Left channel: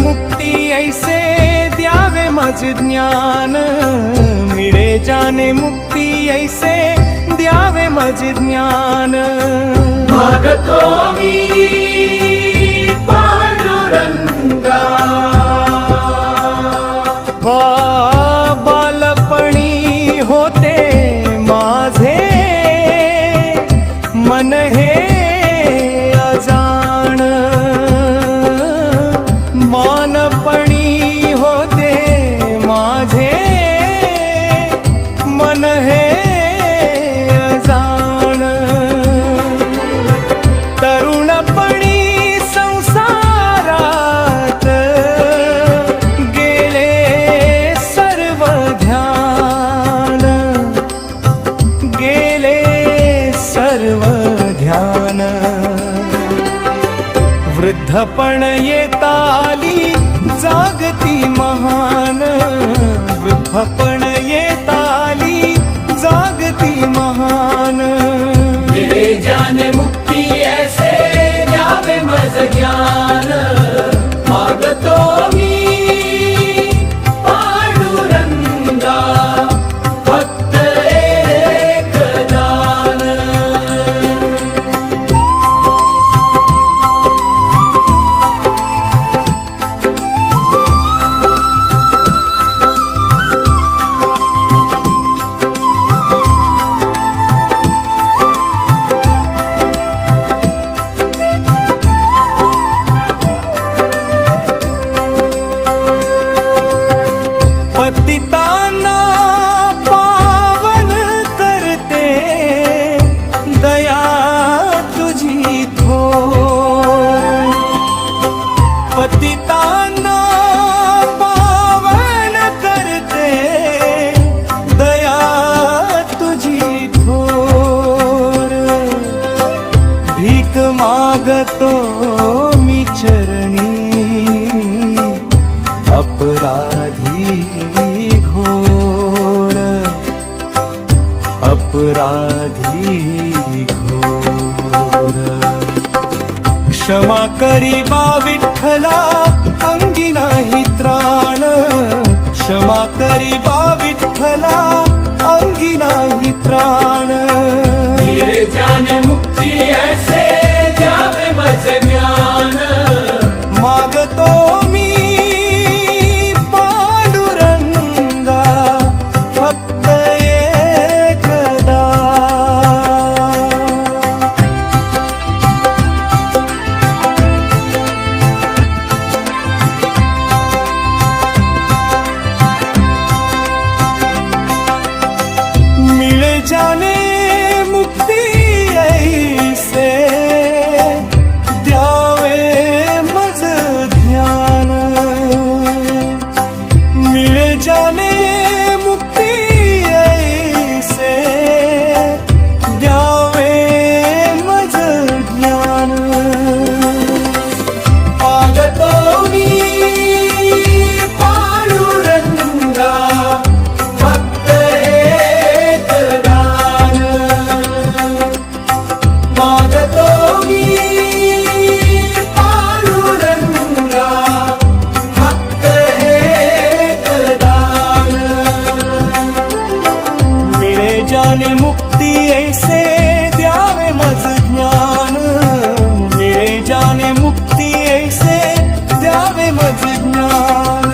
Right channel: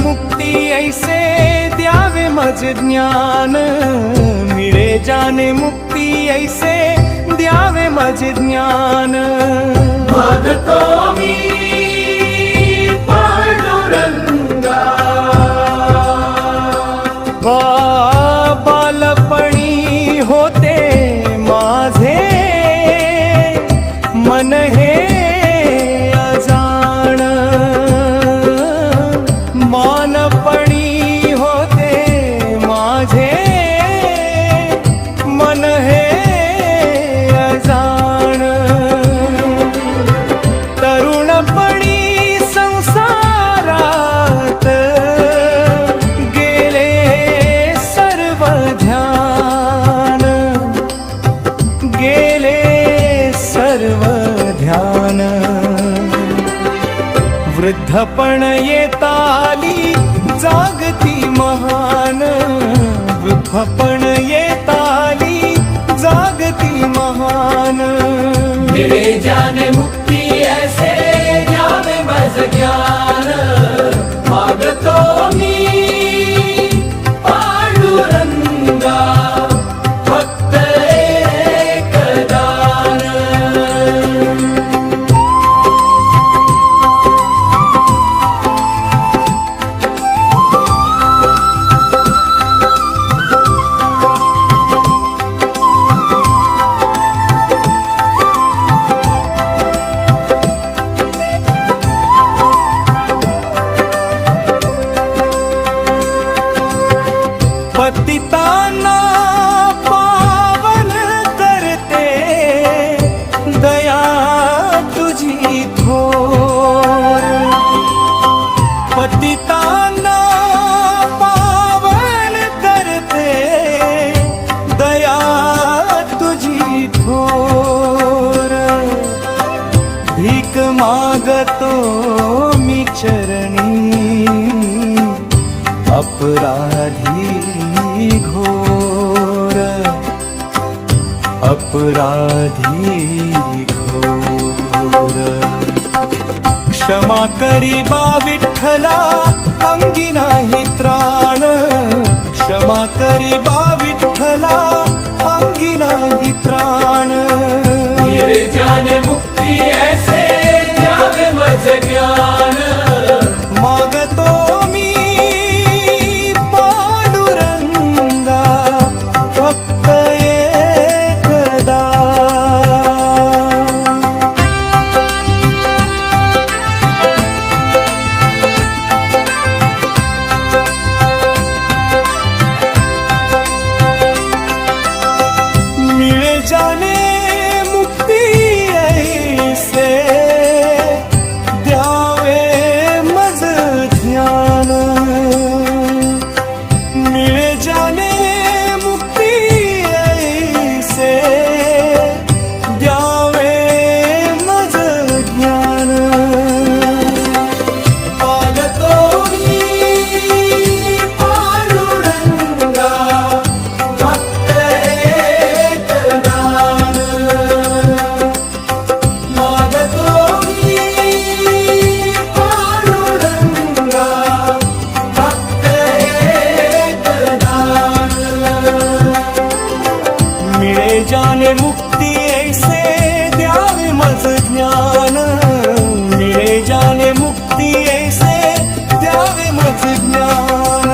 मुक्ती ऐसे द्यावे मज ज्ञान, मिळे जाने मुक्ती ऐसे द्यावे मज ज्ञान। मागतो मी पांडुरंगा, बालपणी होते माझे मन हे अजाण, मानपणी होते माझे मन हे अजाण। तरुणपणी संसारात गेले सर्व ध्यान, गेले सर्व ध्यान। वृद्धपण येताली जागती महान, वृद्धपण येताली जागती महान। मिळे जाने मुक्ती ऐसे द्यावे मज ज्ञान, मागतो मी पांडुरंगा फक्त एक दान। पतितांना पावन करते दया तुझी थोर, पतितांना पावन करते दया तुझी थोर। भीक मागतो मी चरणी अपराधी घोर, अपराधी घोर। क्षमा करी बा विठ्ठला अंगी नाही त्राण, क्षमा करी बा विठ्ठला अंगी नाही त्राण। मिळे जाने मुक्ती ऐसे द्यावे मज ज्ञान, मागतो मी पांडुरंगा फक्त एकदा। मिळे जाने मुक्ती ऐसे द्यावे मज ध्यान, मिळे जाने मुक्ती ऐसे द्यावे मज ज्ञान। मागतो मी पांडुरंगा फक्त एक दान, मागतो मी पांडुरंगा फक्त एक दान। मिळे जाने मुक्ती ऐसे द्यावे मज ज्ञान, मिळे जाने मुक्ती ऐसे द्यावे मज ज्ञान।